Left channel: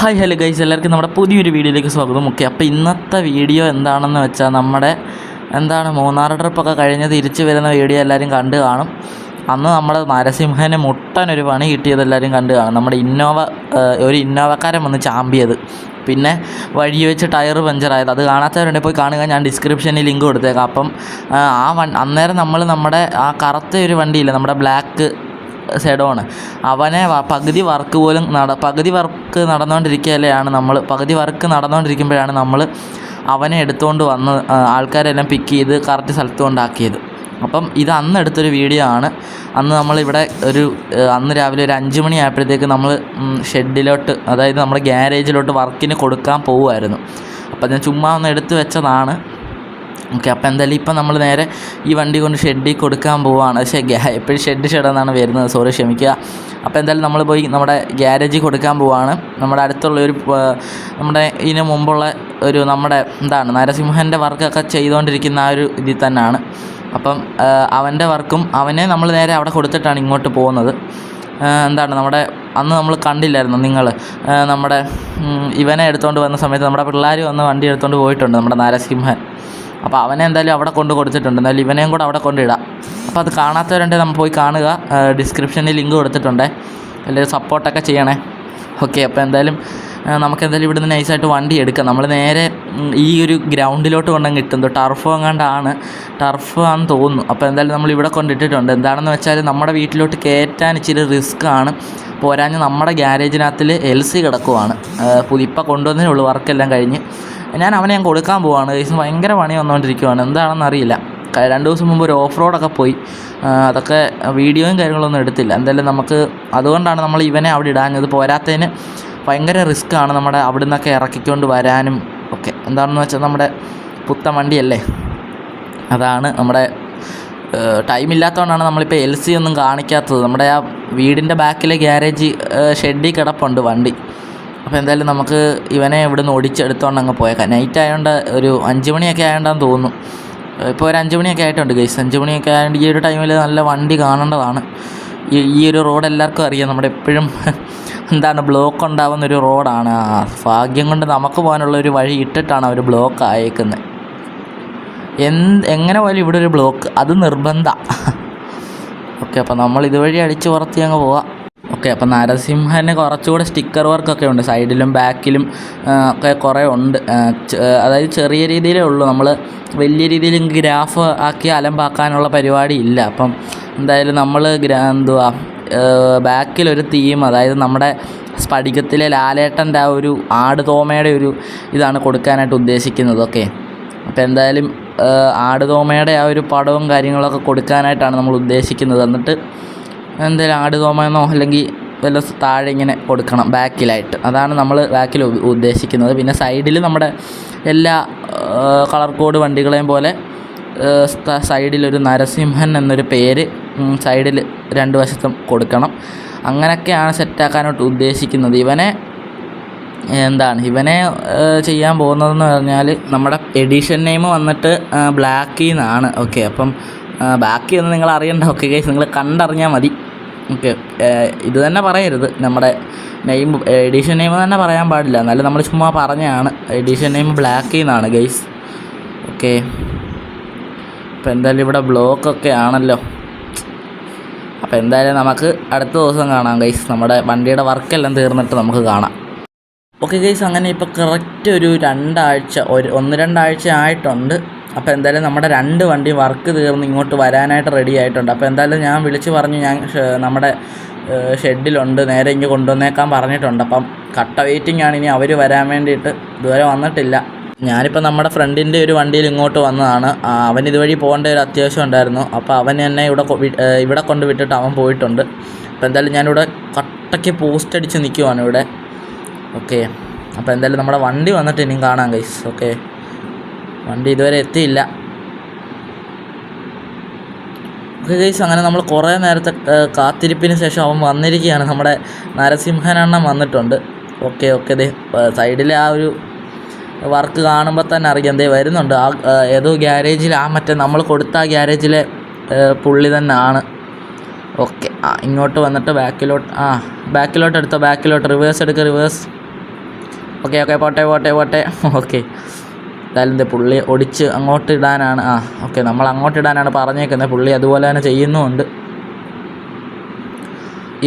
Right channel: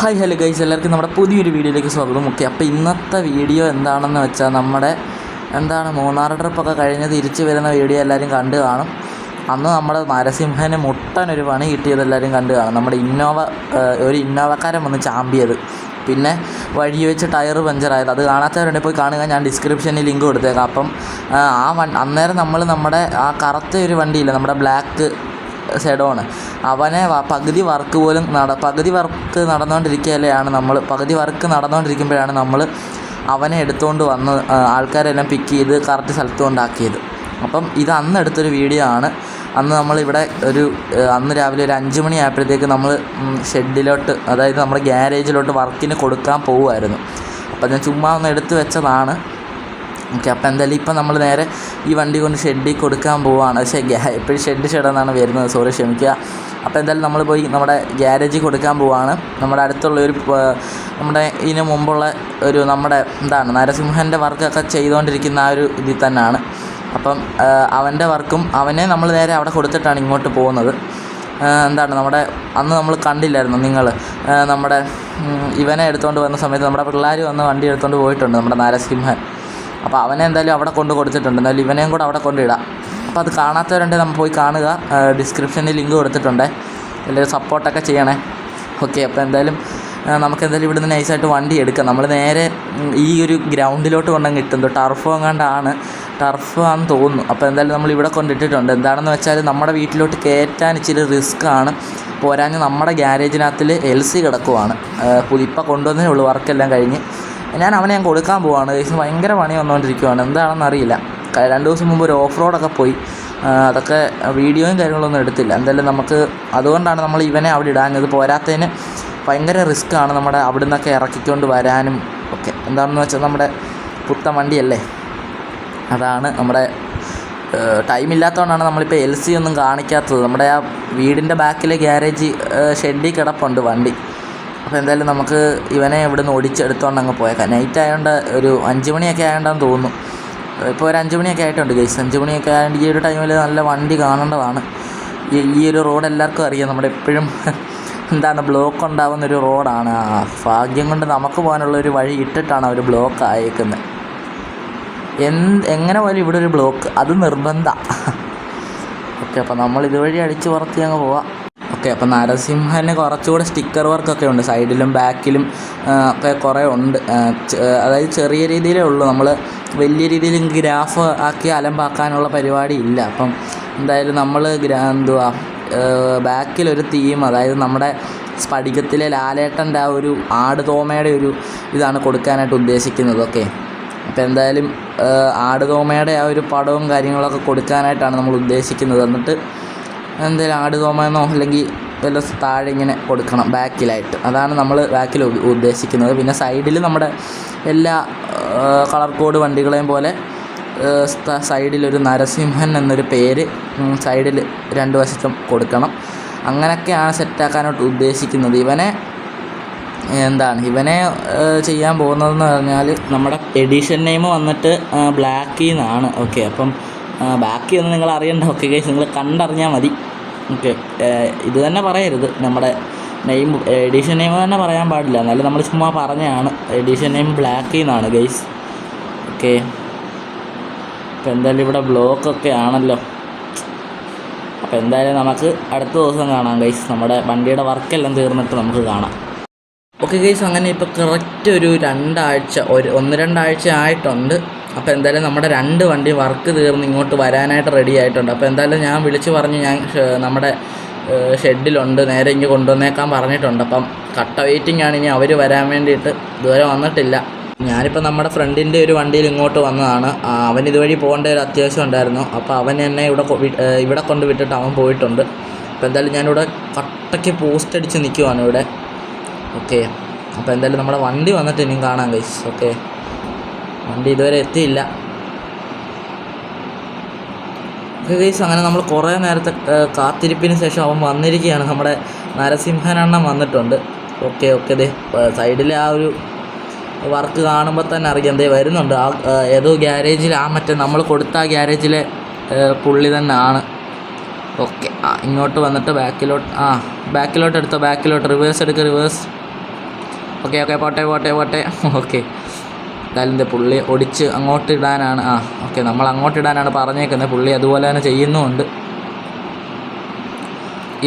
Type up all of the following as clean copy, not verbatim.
Hi hello guys, എല്ലാവർക്കും നമ്മുടെ പുതിയൊരു വീഡിയോയിലേക്ക് സ്വാഗതം. ഓക്കെ, അപ്പോൾ ഇന്നത്തെ വീഡിയോ എന്താണെന്ന് വെച്ചാൽ നമ്മുടെ മൂന്നാർ ട്രിപ്പൊക്കെ കഴിഞ്ഞ് തിരിച്ച് വരുന്ന വീഡിയോ എല്ലാവരും കണ്ടു കാണും. അന്ന് നമ്മുടെ നരസിംഹന് മുട്ടനൊരു പണി കിട്ടിയത് എല്ലാവരും കണ്ടു കാണും. നമ്മുടെ ഒരു ഇന്നോവക്കാരൻ വന്ന് ചാമ്പിയത്, പിന്നെ വഴി വെച്ച് ടയർ പഞ്ചറായത്. അത് കാണാത്തവരുണ്ടെങ്കിൽ പോയി കാണുക, ഞാൻ ഡിസ്ക്രിപ്ഷനിൽ ലിങ്ക് കൊടുത്തേക്കാം. അപ്പം അന്നേരം നമ്മുടെ ആ കറുത്ത ഒരു വണ്ടിയില്ല, നമ്മുടെ ബ്ലാക്ക് സെഡോണ്, അവനെ പകുതി വർക്ക് നടന്നുകൊണ്ടിരിക്കുമ്പോഴാണ് നമ്മൾ അവനെ എടുത്തുകൊണ്ട് വന്ന് ആൾക്കാരെല്ലാം പിക്ക് ചെയ്ത് കറക്റ്റ് സ്ഥലത്ത് കൊണ്ടാക്കിയത്. അപ്പം ഇത് അന്ന് എടുത്തൊരു വീഡിയോ ആണ്. അന്ന് നമ്മളിവിടെ അന്ന് രാവിലെ ഒരു 5 മണി ആയപ്പോഴത്തേക്ക് നമ്മൾ ഷെഡിലോട്ട്, അതായത് നമ്മുടെ ഗ്യാരേജിലോട്ട് വർക്കിന് കൊടുക്കാൻ പോവുമായിരുന്നു. അപ്പം ഞാൻ ചുമ്മാ ഒന്ന് എടുത്ത് വെച്ചതാണ്. ഓക്കെ, അപ്പോൾ എന്തായാലും ഇപ്പം നമ്മൾ നേരെ ഈ വണ്ടി കൊണ്ട് ഷെഡിൽ കൊടുക്കാൻ പോവുകയാണ്. പക്ഷേ എപ്പോഴും ഷെഡെന്നാണ് വരുന്നത്, സോറി ക്ഷമിക്കുക. അപ്പോൾ എന്തായാലും നമ്മൾ പോയി നമ്മുടെ ഗ്യാരേജിൽ കൊടുക്കാൻ പോവുകയാണ്. നമ്മുടെ അടുത്തുള്ള നമ്മുടെ ഇതിന് മുമ്പുള്ള നമ്മുടെ നരസിംഹൻ്റെ വർക്കൊക്കെ ചെയ്തുകൊണ്ടിരിക്കുന്ന ആ ഒരു ഇതിൽ തന്നെയാണ്. അപ്പം അവൻ്റെ വർക്കും അവനെ നമ്മൾ നേരെ അവിടെ കൊടുത്തിട്ടാണ് ഇങ്ങോട്ട് പോകുന്നത്. നമ്മുടെ അന്ന് നമ്മൾ കണ്ടില്ലായിരുന്നു നിങ്ങൾ, നമ്മുടെ ഇവനെ എടുത്തുകൊണ്ട് വന്ന സമയത്ത് നമ്മുടെ പിള്ളേർ വന്ന് വണ്ടി എടുത്തുകൊണ്ട് പോയിട്ടുണ്ട്, നമ്മുടെ നരസിംഹൻ. അപ്പോൾ അവനെ എന്തായാലും അവിടെ കൊടുത്തിട്ടുണ്ട്. എന്തായാലും ഇവനെയും കൂടെ അവിടെ കൊണ്ടിടാം. അപ്പോൾ അത് കാണാത്തവരുണ്ടെങ്കിൽ നമ്മൾ പോയി കാണുക, ഡിസ്ക്രിപ്ഷനിൽ ലിങ്ക് കൊടുത്തിട്ടുണ്ട്. എല്ലാവരും സപ്പോർട്ടൊക്കെ ചെയ്യണേ. ഓക്കെ, അപ്പോൾ എന്തായാലും നമുക്കെന്തായാലും ഇവിടുന്ന് നൈസായിട്ട് വണ്ടി എടുക്കാം. നമ്മൾ നേരെ ഈ ഒരു ഗ്രൗണ്ടിലോട്ട് കൊണ്ടങ്ങ് ഇട്ടുന്നു. ടർഫ് ആണെന്ന് തോന്നുന്നു. അപ്പോൾ എന്തായാലും നമ്മൾ ഇവിടെ കൊണ്ടിട്ടിട്ടുണ്ട്. എന്താണെന്ന് വെച്ചാൽ നമ്മുടെ വീട്ടിലോട്ട് കയറ്റാൻ ഇച്ചിരി റിസ്ക്കാണ്. പോരാഞ്ഞ് നമ്മുടെ ഗ്യാരേജിനകത്തിൽ LC കിടക്കുവാണ്. ഇപ്പം കൊണ്ടുവന്നേ ഉള്ളൂ, വർക്കെല്ലാം കഴിഞ്ഞ്. ഞാൻ കൊടുക്കാൻ പോവാണ്. ഭയങ്കര പണി വന്നുകൊണ്ടിരിക്കുവാണ്, എന്താണെന്ന് അറിയില്ല. 2 ദിവസം മുമ്പ് ഒരു ഓഫ് റോഡൊക്കെ പോയി, അതൊക്കെ വീഡിയോയും കാര്യങ്ങളൊന്നും എടുത്തില്ല. എന്തായാലും അതുകൊണ്ടാണ് നമ്മൾ ഇവനെ അവിടെ ഇടാഞ്ഞത്. പോരാത്തതിന് ഭയങ്കര റിസ്ക്കാണ് നമ്മുടെ അവിടെ നിന്നൊക്കെ ഇറക്കിക്കൊണ്ട് വരാനും ഒക്കെ. എന്താണെന്ന് വെച്ചാൽ നമ്മുടെ പുത്തൻ വണ്ടിയല്ലേ, അതാണ് നമ്മുടെ ടൈമില്ലാത്തതുകൊണ്ടാണ് നമ്മളിപ്പോൾ LC ഒന്നും കാണിക്കാത്തത്. നമ്മുടെ ആ വീടിൻ്റെ ബാക്കിലെ ഗ്യാരേജ് ഷെഡിൽ കിടപ്പുണ്ട് വണ്ടി. അപ്പോൾ എന്തായാലും നമുക്ക് ഇവനെ ഇവിടുന്ന് ഓടിച്ചെടുത്തോണ്ട് അങ്ങ് പോയേക്കാം. നൈറ്റ് ആയതുകൊണ്ട് ഒരു 5 മണിയൊക്കെ ആയതുകൊണ്ടാന്ന് തോന്നുന്നു. ഇപ്പോൾ ഒരു 5 മണിയൊക്കെ ആയിട്ടുണ്ട് ഗൈസ്. 5 മണിയൊക്കെ ആയതുകൊണ്ട് ഈ ഒരു ടൈമിൽ നല്ല വണ്ടി കാണേണ്ടതാണ്. ഈ ഒരു റോഡ് എല്ലാവർക്കും അറിയാം, നമ്മുടെ എപ്പോഴും ബ്ലോക്ക് ഉണ്ടാകുന്നൊരു റോഡാണ്. ഭാഗ്യം കൊണ്ട് നമുക്ക് പോകാനുള്ളൊരു വഴി ഇട്ടിട്ടാണ് അവർ ബ്ലോക്ക് ആയേക്കുന്നത്. എങ്ങനെ പോയാലും ഇവിടെ ഒരു ബ്ലോക്ക് അത് നിർബന്ധമാണ്. ഓക്കെ, അപ്പോൾ നമ്മൾ ഇതുവഴി അടിച്ച് പുറത്തി അങ്ങ് പോവാം. ഓക്കെ, അപ്പോൾ നരസിംഹന് കുറച്ചുകൂടെ സ്റ്റിക്കർ വർക്കൊക്കെ ഉണ്ട്, സൈഡിലും ബാക്കിലും ഒക്കെ കുറേ ഉണ്ട്. അതായത് ചെറിയ രീതിയിലേ ഉള്ളൂ, നമ്മൾ വലിയ രീതിയിൽ ഗ്രാഫ് ആക്കി അലമ്പാക്കാനുള്ള പരിപാടി ഇല്ല. അപ്പം എന്തായാലും നമ്മൾ ബാക്കിലൊരു തീം, അതായത് നമ്മുടെ സ്ഫടികത്തിലെ ലാലേട്ടൻ്റെ ആ ഒരു ആടുതോമയുടെ ഒരു ഇതാണ് കൊടുക്കാനായിട്ട് ഉദ്ദേശിക്കുന്നത്. ഓക്കെ, അപ്പോൾ എന്തായാലും ആടുതോമയുടെ ആ ഒരു പടവും കാര്യങ്ങളൊക്കെ കൊടുക്കാനായിട്ടാണ് നമ്മൾ ഉദ്ദേശിക്കുന്നത്. എന്നിട്ട് എന്തായാലും ആടുതോമെന്നോ അല്ലെങ്കിൽ വല്ല താഴെ ഇങ്ങനെ കൊടുക്കണം ബാക്കിലായിട്ട്, അതാണ് നമ്മൾ ബാക്കിൽ ഉദ്ദേശിക്കുന്നത്. പിന്നെ സൈഡിൽ നമ്മുടെ എല്ലാ കളർ കോഡ് വണ്ടികളെയും പോലെ സൈഡിലൊരു നരസിംഹൻ എന്നൊരു പേര് സൈഡിൽ 2 വശത്തും കൊടുക്കണം. അങ്ങനെയൊക്കെയാണ് സെറ്റാക്കാനായിട്ട് ഉദ്ദേശിക്കുന്നത്. ഇവനെ ചെയ്യാൻ പോകുന്നതെന്ന് പറഞ്ഞാൽ നമ്മുടെ എഡിഷൻ നെയിം വന്നിട്ട് ബ്ലാക്കിൽ നിന്നാണ്. ഓക്കെ, അപ്പം ബാക്കിയൊന്നും നിങ്ങൾ അറിയണ്ട. ഓക്കെ ഗൈസ്, നിങ്ങൾ കണ്ടറിഞ്ഞാൽ മതി. ഓക്കെ, ഇത് തന്നെ പറയരുത്, നമ്മുടെ എഡിഷൻ നെയിം തന്നെ പറയാൻ പാടില്ല. എന്നാലും നമ്മൾ ചുമ്മാ പറഞ്ഞതാണ്. എഡിഷൻ നെയിം ബ്ലാക്കിൽ നിന്നാണ് ഗൈസ്. ഓക്കെ, അപ്പോൾ എന്തായാലും ഇവിടെ ബ്ലോക്കൊക്കെ ആണല്ലോ. അപ്പോൾ എന്തായാലും നമുക്ക് അടുത്ത ദിവസം കാണാം ഗൈസ്. നമ്മുടെ വണ്ടിയുടെ വർക്കെല്ലാം തീർന്നിട്ട് നമുക്ക് കാണാം. ഓക്കെ ഗൈസ്, അങ്ങനെ ഇപ്പോൾ കറക്റ്റ് ഒരു 1-2 ആഴ്ച ആയിട്ടുണ്ട്. അപ്പോൾ എന്തായാലും നമ്മുടെ 2 വണ്ടി വർക്ക് തീർന്ന് ഇങ്ങോട്ട് വരാനായിട്ട് റെഡി ആയിട്ടുണ്ട്. അപ്പോൾ എന്തായാലും ഞാൻ വിളിച്ച് പറഞ്ഞു, ഞാൻ നമ്മുടെ ഷെഡിലുണ്ട്, നേരെ ഇങ്ങ് കൊണ്ടുവന്നേക്കാൻ പറഞ്ഞിട്ടുണ്ട്. അപ്പം കട്ട വെയിറ്റിംഗ് ആണെങ്കിൽ അവർ വരാൻ വേണ്ടിയിട്ട് ഇതുവരെ വന്നിട്ടില്ല. ഞാനിപ്പോൾ നമ്മുടെ ഫ്രണ്ടിൻ്റെ ഒരു വണ്ടിയിൽ ഇങ്ങോട്ട് വന്നതാണ്. അവൻ ഇതുവഴി പോകേണ്ട ഒരു അത്യാവശ്യം ഉണ്ടായിരുന്നു. അപ്പോൾ അവൻ എന്നെ ഇവിടെ കൊണ്ട് വിട്ടിട്ട് അവൻ പോയിട്ടുണ്ട്. അപ്പോൾ എന്തായാലും ഞാനിവിടെ കട്ടയ്ക്ക് പോസ്റ്റ് അടിച്ച് നിൽക്കുവാണ് ഇവിടെ. ഓക്കെ, അപ്പോൾ എന്തായാലും നമ്മുടെ വണ്ടി വന്നിട്ട് ഇനിയും കാണാം ഗൈസ്. ഓക്കെ, വണ്ടി ഇതുവരെ എത്തിയില്ല. ഓക്കെ ഗൈസ്, അങ്ങനെ നമ്മൾ കുറേ നേരത്തെ കാത്തിരിപ്പിന് ശേഷം അവൻ വന്നിരിക്കുകയാണ്. നമ്മുടെ നരസിംഹനെണ്ണം വന്നിട്ടുണ്ട്. ഓക്കെ, സൈഡിലെ ആ ഒരു വർക്ക് കാണുമ്പോൾ തന്നെ അറിയാം, വരുന്നുണ്ട്. ഏതോ ഗ്യാരേജിൽ, നമ്മൾ കൊടുത്ത ആ ഗ്യാരേജിലെ പുള്ളി തന്നെ ആണ്. ഓക്കെ, ഇങ്ങോട്ട് വന്നിട്ട് ബാക്കിലോട്ട് എടുത്തോ, റിവേഴ്സ് എടുക്കുക, റിവേഴ്സ്. ഓക്കെ ഓക്കെ പോട്ടെ പോട്ടെ പോട്ടെ. ഓക്കെ എന്തായാലും ഇത് പുള്ളി ഒടിച്ച് അങ്ങോട്ട് ഇടാനാണ്. ഓക്കെ നമ്മൾ അങ്ങോട്ട് ഇടാനാണ് പറഞ്ഞേക്കുന്നത്. പുള്ളി അതുപോലെ തന്നെ ചെയ്യുന്നുമുണ്ട്.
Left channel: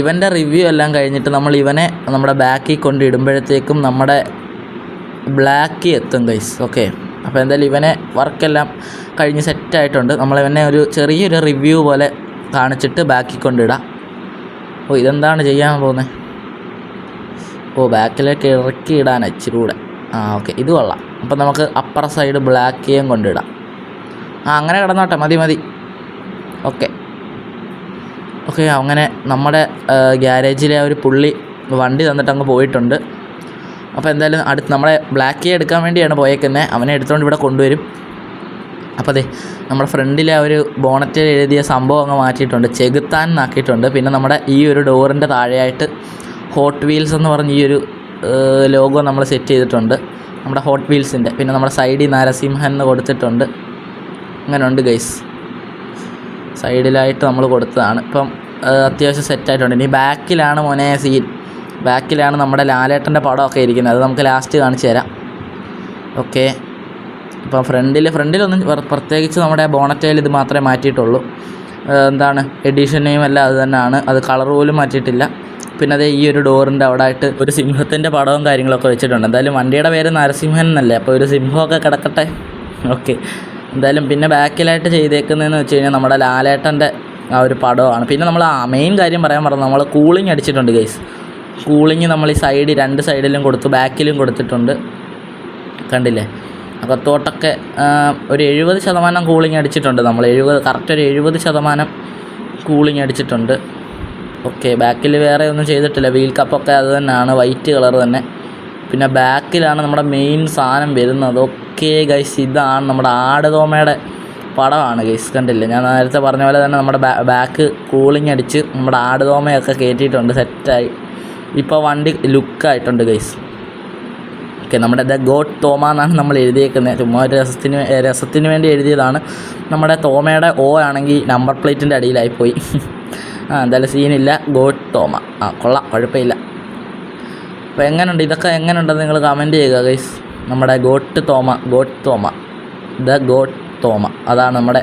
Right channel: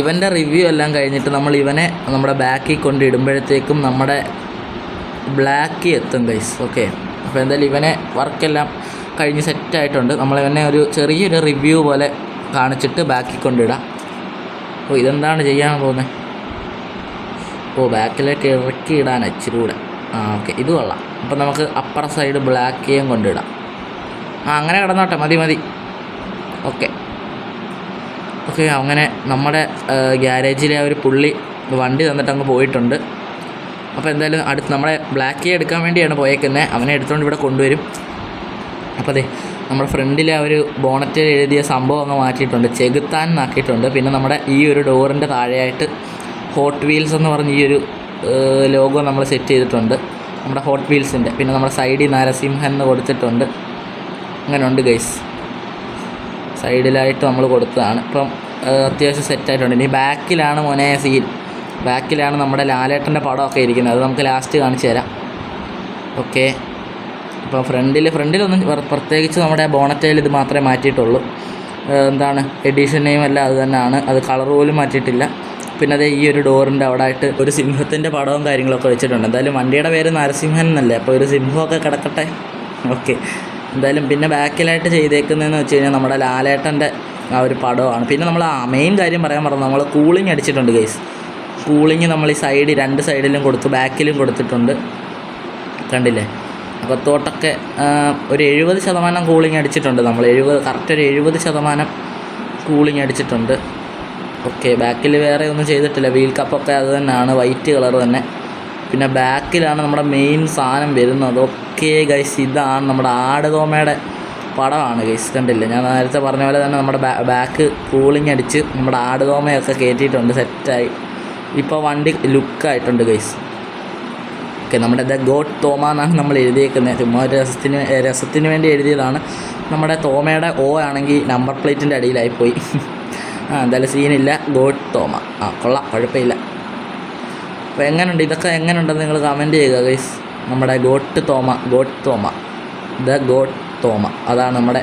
ഇവൻ്റെ റിവ്യൂ എല്ലാം കഴിഞ്ഞിട്ട് നമ്മൾ ഇവനെ നമ്മുടെ ബാക്കിൽ കൊണ്ട് ഇടുമ്പോഴത്തേക്കും നമ്മുടെ ബ്ലാക്ക് എത്തും ഗൈസ്. ഓക്കെ അപ്പോൾ എന്തായാലും ഇവനെ വർക്കെല്ലാം കഴിഞ്ഞ് സെറ്റായിട്ടുണ്ട്. നമ്മളിവനെ ഒരു ചെറിയൊരു റിവ്യൂ പോലെ കാണിച്ചിട്ട് ബാക്കിൽ കൊണ്ടിടാം. ഇതെന്താണ് ചെയ്യാൻ പോകുന്നത്? ബാക്കിലേക്ക് ഇറക്കി ഇടാൻ ഇച്ചിരി കൂടെ. ഓക്കെ ഇത് കൊള്ളാം. അപ്പം നമുക്ക് അപ്പർ സൈഡ് ബ്ലാക്കിയും കൊണ്ടിടാം. അങ്ങനെ കിടന്നോട്ടെ, മതി മതി. ഓക്കെ ഓക്കെ അങ്ങനെ നമ്മുടെ ഗ്യാരേജിലെ ഒരു പുള്ളി വണ്ടി തന്നിട്ട് അങ്ങ് പോയിട്ടുണ്ട്. അപ്പോൾ എന്തായാലും അടുത്ത് നമ്മളെ ബ്ലാക്ക് എടുക്കാൻ വേണ്ടിയാണ് പോയേക്കുന്നത്. അവനെ എടുത്തുകൊണ്ട് ഇവിടെ കൊണ്ടുവരും. അപ്പോൾ അതെ നമ്മുടെ ഫ്രണ്ടിലെ ഒരു ബോണറ്റിൽ എഴുതിയ സംഭവം അങ്ങ് മാറ്റിയിട്ടുണ്ട്, ചെകുത്താൻ എന്നാക്കിയിട്ടുണ്ട്. പിന്നെ നമ്മുടെ ഈ ഒരു ഡോറിൻ്റെ താഴെയായിട്ട് ഹോട്ട് വീൽസ് എന്ന് പറഞ്ഞ് ഈ ഒരു ലോഗോ നമ്മൾ സെറ്റ് ചെയ്തിട്ടുണ്ട്, നമ്മുടെ ഹോട്ട് വീൽസിൻ്റെ. പിന്നെ നമ്മുടെ സൈഡിൽ നരസിംഹൻ എന്ന് കൊടുത്തിട്ടുണ്ട്. അങ്ങനെ ഉണ്ട് ഗൈസ്, സൈഡിലായിട്ട് നമ്മൾ കൊടുത്തതാണ്. ഇപ്പം അത്യാവശ്യം സെറ്റായിട്ടുണ്ട്. ഇനി ബാക്കിലാണ് മോനെ സീൻ. ബാക്കിലാണ് നമ്മുടെ ലാലേട്ടൻ്റെ പടമൊക്കെ ഇരിക്കുന്നത്. അത് നമുക്ക് ലാസ്റ്റ് കാണിച്ചു തരാം. ഓക്കെ ഇപ്പോൾ ഫ്രണ്ടിലൊന്നും പ്രത്യേകിച്ച് നമ്മുടെ ബോണറ്റയിൽ ഇത് മാത്രമേ മാറ്റിയിട്ടുള്ളൂ. എന്താണ് എഡിഷൻ നെയിം എല്ലാം അത് തന്നെയാണ്. അത് കളർ പോലും മാറ്റിയിട്ടില്ല. പിന്നെ അതേ ഈ ഒരു ഡോറിൻ്റെ അവിടെ ആയിട്ട് ഒരു സിംഹത്തിൻ്റെ പടവും കാര്യങ്ങളൊക്കെ വെച്ചിട്ടുണ്ട്. എന്തായാലും വണ്ടിയുടെ പേര് നരസിംഹൻ എന്നല്ലേ, അപ്പോൾ ഒരു സിംഹമൊക്കെ കിടക്കട്ടെ. ഓക്കെ എന്തായാലും പിന്നെ ബാക്കിലായിട്ട് ചെയ്തേക്കുന്നതെന്ന് വെച്ച് കഴിഞ്ഞാൽ നമ്മുടെ ലാലേട്ടൻ്റെ ആ ഒരു പടമാണ്. പിന്നെ നമ്മൾ മെയിൻ കാര്യം പറയാൻ പറഞ്ഞു, നമ്മൾ കൂളിംഗ് അടിച്ചിട്ടുണ്ട് ഗൈസ്. കൂളിംഗ് നമ്മൾ ഈ രണ്ട് സൈഡിലും കൊടുത്തു, ബാക്കിലും കൊടുത്തിട്ടുണ്ട്, കണ്ടില്ലേ. അപ്പോൾ തോട്ടൊക്കെ ഒരു 70% കൂളിംഗ് അടിച്ചിട്ടുണ്ട് നമ്മൾ. കറക്റ്റ് ഒരു 70% കൂളിംഗ് അടിച്ചിട്ടുണ്ട്. ഓക്കെ ബാക്കിൽ വേറെ ഒന്നും ചെയ്തിട്ടില്ല. വീൽ കപ്പൊക്കെ അത് തന്നെയാണ്, വൈറ്റ് കളർ തന്നെ. പിന്നെ ബാക്കിലാണ് നമ്മുടെ മെയിൻ സാധനം വരുന്നത്. ഓക്കെ ഗൈസ് ഇതാണ് നമ്മുടെ ആടുതോമയുടെ പടമാണ് ഗൈസ്, കണ്ടില്ലേ. ഞാൻ നേരത്തെ പറഞ്ഞ പോലെ തന്നെ നമ്മുടെ ബാക്ക് കൂളിംഗ് അടിച്ച് നമ്മുടെ ആടുതോമയൊക്കെ കയറ്റിയിട്ടുണ്ട്, സെറ്റായി. ഇപ്പോൾ വണ്ടി ലുക്കായിട്ടുണ്ട് ഗൈസ്. ഓക്കെ നമ്മുടെ ദ ഗോഡ് തോമ എന്നാണ് നമ്മൾ എഴുതിയേക്കുന്നത്. ചുമ്മാ ഒരു രസത്തിന് വേണ്ടി എഴുതിയതാണ്. നമ്മുടെ തോമയുടെ ഓ ആണെങ്കിൽ നമ്പർ പ്ലേറ്റിൻ്റെ അടിയിലായിപ്പോയി. എന്തായാലും സീനില്ല, ഗോഡ് തോമ. കൊള്ളാം, കുഴപ്പമില്ല. അപ്പോൾ എങ്ങനെയുണ്ട് ഇതൊക്കെ, എങ്ങനെയുണ്ടെന്ന് നിങ്ങൾ കമൻറ്റ് ചെയ്യുക ഗൈസ്. നമ്മുടെ ഗോഡ് തോമ ദ ഗോഡ് തോമ അതാണ് നമ്മുടെ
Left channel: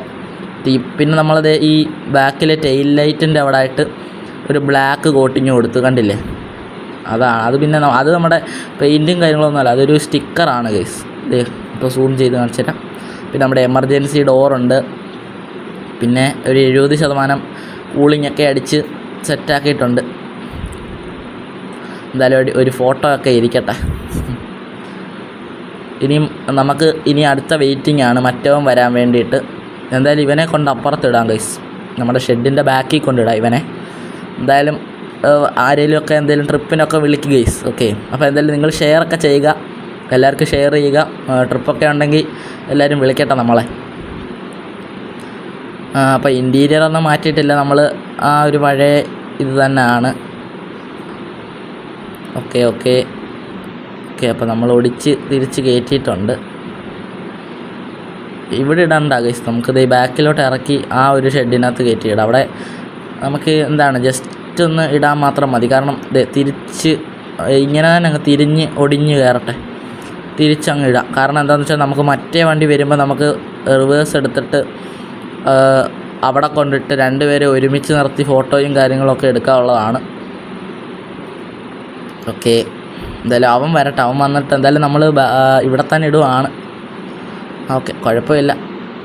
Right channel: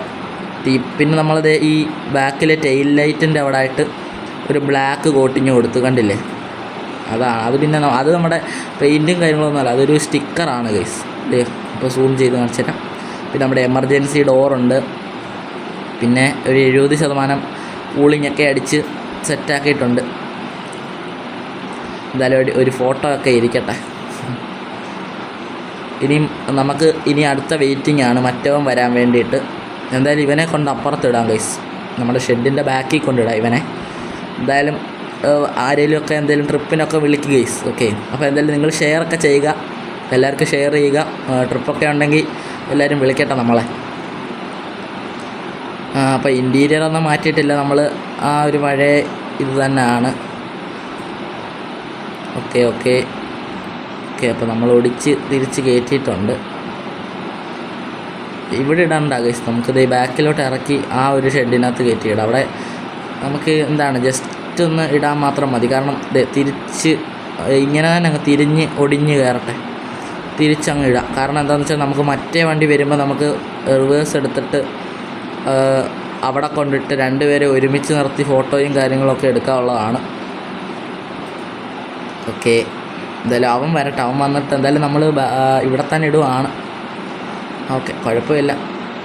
പിന്നെ നമ്മളത് ഈ ബാക്കിലെ ടെയിൽ ലൈറ്റിൻ്റെ അവിടെ ആയിട്ട് ഒരു ബ്ലാക്ക് കോട്ടിങ് കൊടുത്തു, കണ്ടില്ലേ. അതാണ് അത്. പിന്നെ അത് നമ്മുടെ പെയിൻറ്റും കാര്യങ്ങളൊന്നുമല്ല, അതൊരു സ്റ്റിക്കറാണ് ഗൈസ്. ഇപ്പോൾ സൂം ചെയ്ത് കാണിച്ചു തരാം. പിന്നെ നമ്മുടെ എമർജൻസി ഡോറുണ്ട്. പിന്നെ ഒരു 70% കൂളിങ്ങൊക്കെ അടിച്ച് സെറ്റാക്കിയിട്ടുണ്ട്. എന്തായാലും ഒരു ഫോട്ടോ ഒക്കെ ഇരിക്കട്ടെ. നമുക്ക് അടുത്ത വെയിറ്റിംഗ് ആണ് മറ്റവൻ വരാൻ വേണ്ടിയിട്ട്. എന്തായാലും ഇവനെ കൊണ്ട് അപ്പുറത്തിടാം ഗൈസ്, നമ്മുടെ ഷെഡിൻ്റെ ബാക്കിൽ കൊണ്ടിടാം ഇവനെ. എന്തായാലും ആരെങ്കിലുമൊക്കെ എന്തെങ്കിലും ട്രിപ്പിനൊക്കെ വിളിക്കുക ഗൈസ്. ഓക്കെ അപ്പോൾ എന്തായാലും നിങ്ങൾ ഷെയറൊക്കെ ചെയ്യുക, എല്ലാവർക്കും ഷെയർ ചെയ്യുക. ട്രിപ്പൊക്കെ ഉണ്ടെങ്കിൽ എല്ലാവരും വിളിക്കട്ടെ നമ്മളെ. അപ്പോൾ ഇൻറ്റീരിയറൊന്നും മാറ്റിയിട്ടില്ല, നമ്മൾ ആ ഒരു പഴയ ഇത് തന്നെയാണ്. ഓക്കെ ഓക്കെ ഓക്കെ അപ്പോൾ നമ്മൾ ഒടിച്ച് തിരിച്ച് കയറ്റിയിട്ടുണ്ട്. ഇവിടെ ഇടണ്ട ഗൈസ്, നമുക്കിത് ബാക്കിലോട്ട് ഇറക്കി ആ ഒരു ഷെഡിനകത്ത് കയറ്റിയിടാം. അവിടെ നമുക്ക് എന്താണ് ജസ്റ്റ് ഒന്ന് ഇടാൻ മാത്രം മതി. കാരണം തിരിച്ച് ഇങ്ങനെ തന്നെ അങ്ങ് തിരിഞ്ഞ് ഒടിഞ്ഞ് കയറട്ടെ, തിരിച്ചങ്ങ് ഇടാം. കാരണം എന്താണെന്ന് വെച്ചാൽ നമുക്ക് മറ്റേ വണ്ടി വരുമ്പോൾ നമുക്ക് റിവേഴ്സ് എടുത്തിട്ട് അവിടെ കൊണ്ടിട്ട് രണ്ടുപേരെ ഒരുമിച്ച് നിർത്തി ഫോട്ടോയും കാര്യങ്ങളൊക്കെ എടുക്കാനുള്ളതാണ്. ഓക്കെ എന്തായാലും അവൻ വരട്ടെ, അവൻ വന്നിട്ട് എന്തായാലും നമ്മൾ ഇവിടെ തന്നെ ഇടുവാണ്. ഓക്കെ കുഴപ്പമില്ല,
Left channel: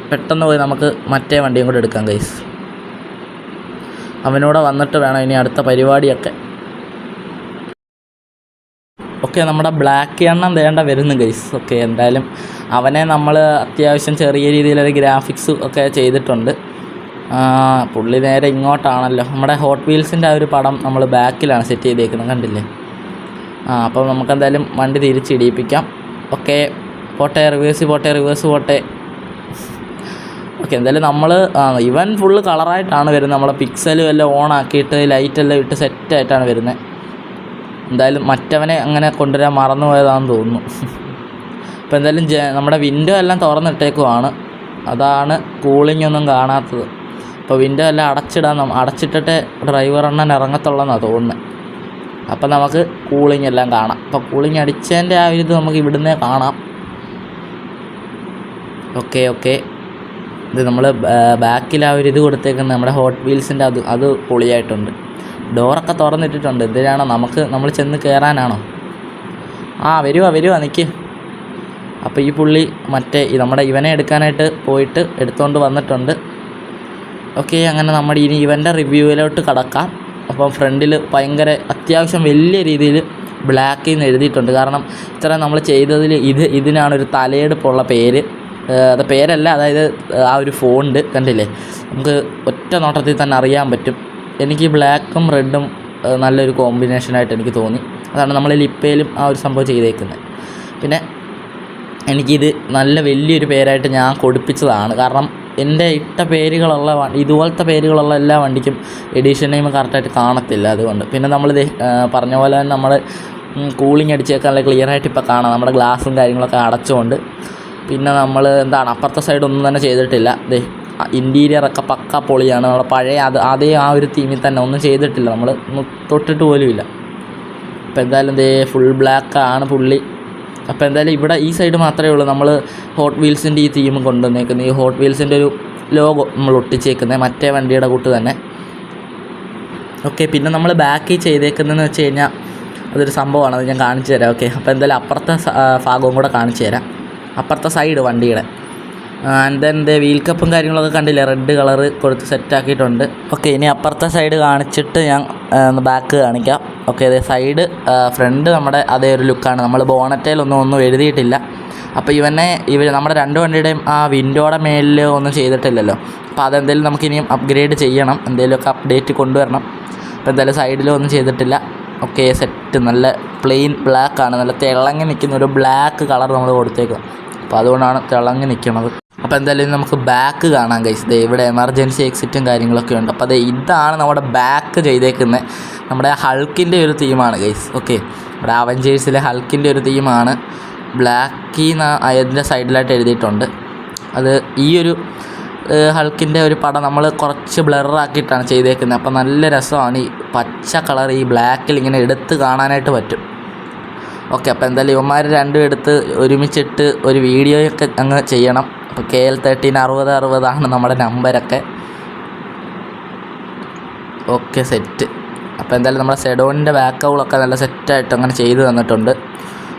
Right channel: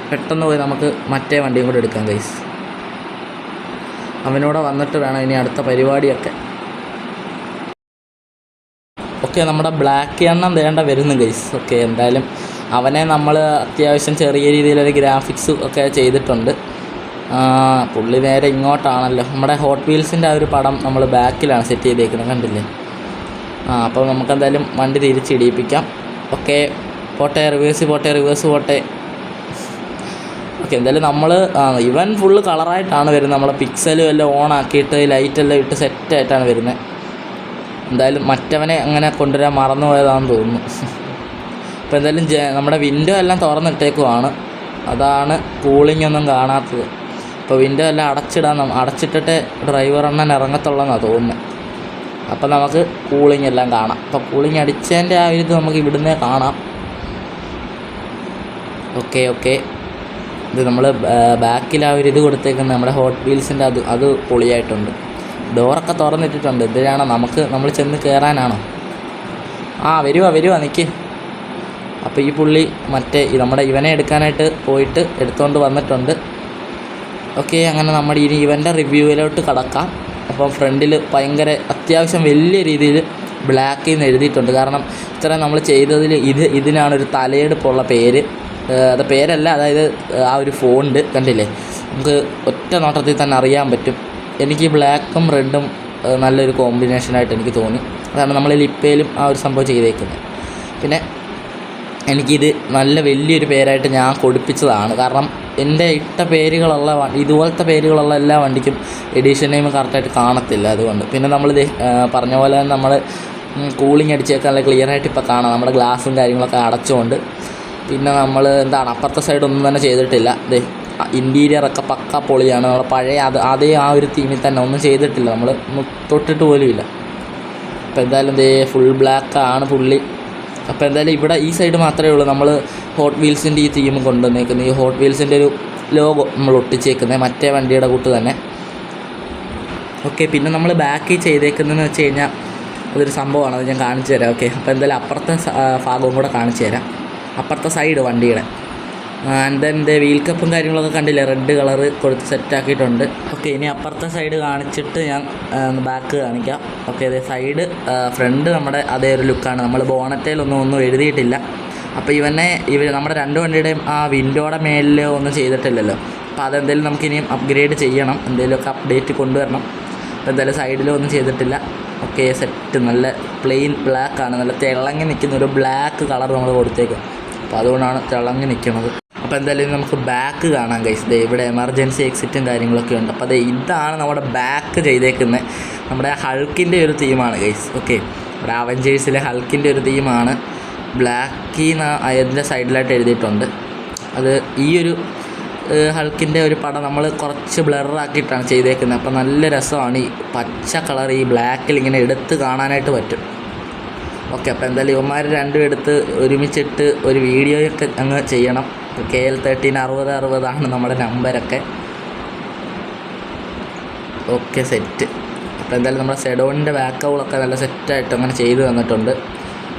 പെട്ടെന്ന് പോയി നമുക്ക് മറ്റേ വണ്ടിയും കൂടെ എടുക്കാം ഗൈസ്. അവനൂടെ വന്നിട്ട് വേണം ഇനി അടുത്ത പരിപാടിയൊക്കെ. ഓക്കെ നമ്മുടെ ബ്ലാക്ക് എണ്ണം വേണ്ട വരുന്നു ഗൈസ്. ഓക്കെ എന്തായാലും അവനെ നമ്മൾ അത്യാവശ്യം ചെറിയ രീതിയിലൊരു ഗ്രാഫിക്സ് ഒക്കെ ചെയ്തിട്ടുണ്ട്. പുള്ളി നേരെ ഇങ്ങോട്ടാണല്ലോ. നമ്മുടെ ഹോട്ട് വീൽസിൻ്റെ ആ ഒരു പടം നമ്മൾ ബാക്കിലാണ് സെറ്റ് ചെയ്തേക്കുന്നത്, കണ്ടില്ലേ. അപ്പോൾ നമുക്കെന്തായാലും വണ്ടി തിരിച്ചിടിയിപ്പിക്കാം. ഓക്കെ പോട്ടെ, റിവേഴ്സ് പോട്ടെ. ഓക്കെ എന്തായാലും നമ്മൾ ഇവൻ ഫുള്ള് കളറായിട്ടാണ് വരുന്നത്. നമ്മളെ പിക്സലും എല്ലാം ഓൺ ആക്കിയിട്ട് ലൈറ്റെല്ലാം ഇട്ട് സെറ്റായിട്ടാണ് വരുന്നത്. എന്തായാലും മറ്റവനെ അങ്ങനെ കൊണ്ടുവരാൻ മറന്നു പോയതാണെന്ന് തോന്നുന്നു. അപ്പോൾ എന്തായാലും നമ്മുടെ വിൻഡോ എല്ലാം തുറന്നിട്ടേക്കുവാണ്, അതാണ് കൂളിംഗ് ഒന്നും കാണാത്തത്. അപ്പോൾ വിൻഡോ എല്ലാം അടച്ചിട്ടിട്ടേ ഡ്രൈവർ എണ്ണൻ ഇറങ്ങത്തുള്ളതെന്നാണ് തോന്നുന്നത്. അപ്പം നമുക്ക് കൂളിംഗ് എല്ലാം കാണാം. അപ്പോൾ കൂളിംഗ് അടിച്ചതിൻ്റെ ആ ഒരു ഇത് നമുക്ക് ഇവിടുന്നേ കാണാം. ഓക്കെ ഇത് നമ്മൾ ബാക്കിൽ ആ ഒരു ഇത് കൊടുത്തേക്കുന്ന നമ്മുടെ ഹോട്ട് വീൽസിൻ്റെ അത് പൊളിയായിട്ടുണ്ട്. ഡോറൊക്കെ തുറന്നിട്ടിട്ടുണ്ട്. എന്തിനാണോ നമ്മൾ ചെന്ന് കയറാനാണോ? വരുവാ നിൽക്ക്. അപ്പോൾ ഈ പുള്ളി നമ്മുടെ ഇവനെ എടുക്കാനായിട്ട് പോയിട്ട് എടുത്തുകൊണ്ട് വന്നിട്ടുണ്ട്. ഓക്കെ, അങ്ങനെ നമ്മുടെ ഇനി ഇവൻ്റെ റിവ്യൂവിലോട്ട് കടക്കാം. അപ്പോൾ ഫ്രണ്ടിൽ ഭയങ്കര അത്യാവശ്യം വലിയ രീതിയിൽ ബ്ലാക്കിൽ നിന്ന് എഴുതിയിട്ടുണ്ട്. കാരണം ഇത്ര നമ്മൾ ചെയ്തതിൽ ഇതിനാണൊരു തലയെടുപ്പുള്ള പേര്. അത് പേരല്ല, അതായത് ആ ഒരു ഫോണ്ട് കണ്ടില്ലേ, നമുക്ക് ഒറ്റ നോട്ടത്തിൽ തന്നെ അറിയാൻ പറ്റും. എനിക്ക് ബ്ലാക്കും റെഡും നല്ലൊരു കോമ്പിനേഷനായിട്ട് എനിക്ക് തോന്നി. അതാണ് നമ്മൾ ലിപ്പയിലും ആ ഒരു സംഭവം ചെയ്തേക്കുന്നത്. പിന്നെ എനിക്കിത് നല്ല വലിയൊരു പേരായിട്ട് ഞാൻ കൊടുപ്പിച്ചതാണ്. കാരണം എൻ്റെ ഇട്ട പേരുകളുള്ള ഇതുപോലത്തെ പേരുകളുള്ള എല്ലാ വണ്ടിക്കും എഡിഷൻ നെയിം കറക്റ്റായിട്ട് കാണത്തില്ല. അതുകൊണ്ട് പിന്നെ നമ്മളിത് പറഞ്ഞ പോലെ തന്നെ നമ്മൾ കൂളിംഗ് അടിച്ചേക്കാൻ നല്ല ക്ലിയറായിട്ട് ഇപ്പോൾ കാണാം. നമ്മുടെ ഗ്ലാസും കാര്യങ്ങളൊക്കെ അടച്ചുകൊണ്ട്. പിന്നെ നമ്മൾ അപ്പുറത്തെ സൈഡ് ഒന്നും തന്നെ ചെയ്തിട്ടില്ല. ഇൻറ്റീരിയറൊക്കെ പക്ക പൊളിയാണ്. നമ്മുടെ പഴയ അതേ ആ ഒരു തീമിൽ തന്നെ ഒന്നും ചെയ്തിട്ടില്ല. നമ്മൾ തൊട്ടിട്ട് പോലുമില്ല. അപ്പോൾ എന്തായാലും ഫുൾ ബ്ലാക്കാണ് പുള്ളി. അപ്പോൾ എന്തായാലും ഇവിടെ ഈ സൈഡ് മാത്രമേ ഉള്ളൂ നമ്മൾ ഹോട്ട് വീൽസിൻ്റെ ഈ തീം കൊണ്ടുവന്നേക്കുന്നത്. ഈ ഹോട്ട് വീൽസിൻ്റെ ഒരു ലോഗോ നമ്മൾ ഒട്ടിച്ചേക്കുന്നത് മറ്റേ വണ്ടിയുടെ കൂട്ട് തന്നെ. ഓക്കെ, പിന്നെ നമ്മൾ ബാക്കിൽ ചെയ്തേക്കുന്നതെന്ന് വെച്ച് കഴിഞ്ഞാൽ അതൊരു സംഭവമാണ്. അത് ഞാൻ കാണിച്ചു തരാം. ഓക്കെ, അപ്പോൾ എന്തായാലും അപ്പുറത്തെ ഭാഗവും കൂടെ കാണിച്ചു തരാം. അപ്പുറത്തെ സൈഡ് വണ്ടിയുടെ ആൻഡ് ദെൻ വീൽ കപ്പും കാര്യങ്ങളൊക്കെ കണ്ടില്ലേ, റെഡ് കളറ് കൊടുത്ത് സെറ്റാക്കിയിട്ടുണ്ട്. ഓക്കെ, ഇനി അപ്പുറത്തെ സൈഡ് കാണിച്ചിട്ട് ഞാൻ ബാക്ക് കാണിക്കാം. ഓക്കെ, അതേ സൈഡ് ഫ്രണ്ട് നമ്മുടെ അതേ ഒരു ലുക്കാണ്. നമ്മൾ ബോണറ്റയിലൊന്നും എഴുതിയിട്ടില്ല. അപ്പോൾ നമ്മുടെ രണ്ട് വണ്ടിയുടെയും ആ വിൻഡോയുടെ മേലിൽ ഒന്നും ചെയ്തിട്ടില്ലല്ലോ. അപ്പോൾ അതെന്തെങ്കിലും നമുക്കിനിയും അപ്ഗ്രേഡ് ചെയ്യണം, എന്തെങ്കിലുമൊക്കെ അപ്ഡേറ്റ് കൊണ്ടുവരണം. അപ്പോൾ എന്തായാലും സൈഡിലൊന്നും ചെയ്തിട്ടില്ല. ഓക്കെ, സെറ്റ് നല്ല പ്ലെയിൻ ബ്ലാക്കാണ്. നല്ല തിളങ്ങി നിൽക്കുന്ന ഒരു ബ്ലാക്ക് കളർ നമ്മൾ കൊടുത്തേക്കും. അപ്പോൾ അതുകൊണ്ടാണ് തിളങ്ങി നിൽക്കുന്നത്. അപ്പോൾ എന്തായാലും നമുക്ക് ബാക്ക് കാണാം ഗൈസ്. ഇവിടെ എമർജൻസി എക്സിറ്റും കാര്യങ്ങളൊക്കെ ഉണ്ട്. അപ്പോൾ ഇതാണ് നമ്മുടെ ബാക്ക് ചെയ്തേക്കുന്നത്. നമ്മുടെ ഹൾക്കിൻ്റെ ഒരു തീമാണ് ഗൈസ്. ഓക്കെ, നമ്മുടെ അവഞ്ചേഴ്സിലെ ഹൾക്കിൻ്റെ ഒരു തീമാണ്. ബ്ലാക്കിന്ന് അതിൻ്റെ സൈഡിലായിട്ട് എഴുതിയിട്ടുണ്ട്. അത് ഈ ഒരു ഹൾക്കിൻ്റെ ഒരു പടം നമ്മൾ കുറച്ച് ബ്ലറാക്കിയിട്ടാണ് ചെയ്തേക്കുന്നത്. അപ്പോൾ നല്ല രസമാണ്. ഈ പച്ച കളർ ഈ ബ്ലാക്കിൽ ഇങ്ങനെ എടുത്ത് കാണാനായിട്ട് പറ്റും. ഓക്കെ, അപ്പോൾ എന്തായാലും ഇവന്മാർ രണ്ടും എടുത്ത് ഒരുമിച്ചിട്ട് ഒരു വീഡിയോയൊക്കെ അങ്ങ് ചെയ്യണം. KL13 6060 നമ്മുടെ നമ്പരൊക്കെ. Okay, set. അപ്പോൾ എന്തായാലും നമ്മുടെ സെഡോണിൻ്റെ ബാക്കൗളൊക്കെ നല്ല സെറ്റായിട്ട് അങ്ങനെ ചെയ്ത് തന്നിട്ടുണ്ട്.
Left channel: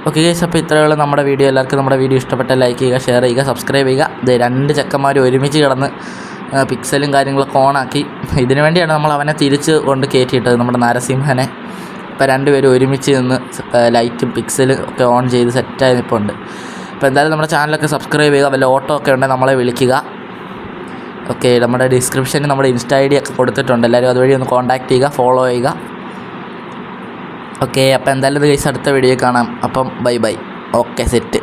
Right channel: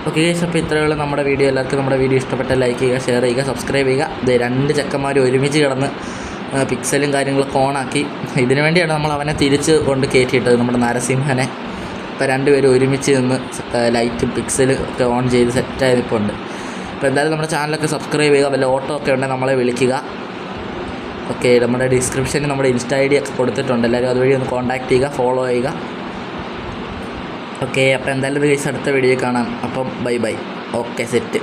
ഓക്കെ ഗൈസ്, അപ്പോൾ ഇത്രയുള്ള നമ്മുടെ വീഡിയോ. എല്ലാവർക്കും നമ്മുടെ വീഡിയോ ഇഷ്ടപ്പെട്ട ലൈക്ക് ചെയ്യുക, ഷെയർ ചെയ്യുക, സബ്സ്ക്രൈബ് ചെയ്യുക. രണ്ട് ചെക്കന്മാർ ഒരുമിച്ച് കിടന്ന് പിക്സലും കാര്യങ്ങളൊക്കെ ഓണാക്കി. ഇതിനു വേണ്ടിയാണ് നമ്മൾ അവനെ തിരിച്ച് കൊണ്ട് കയറ്റിയിട്ടത്, നമ്മുടെ നരസിംഹനെ. ഇപ്പോൾ രണ്ടുപേരും ഒരുമിച്ച് നിന്ന് ലൈറ്റും പിക്സലും ഒക്കെ ഓൺ ചെയ്ത് സെറ്റായി നിൽപ്പുണ്ട്. അപ്പോൾ എന്തായാലും നമ്മുടെ ചാനലൊക്കെ സബ്സ്ക്രൈബ് ചെയ്യുക. വല്ല ഓട്ടോ ഒക്കെ ഉണ്ടെങ്കിൽ നമ്മളെ വിളിക്കുക. ഓക്കെ, നമ്മുടെ ഡിസ്ക്രിപ്ഷനിൽ നമ്മുടെ ഇൻസ്റ്റാ ID ഒക്കെ കൊടുത്തിട്ടുണ്ട്. എല്ലാവരും അതുവഴി ഒന്ന് കോൺടാക്റ്റ് ചെയ്യുക, ഫോളോ ചെയ്യുക. ഓക്കെ, അപ്പോൾ എന്തായാലും ഇത് ഗൈസ് അടുത്ത വീഡിയോ കാണാം. അപ്പം ബൈ. Okay, set.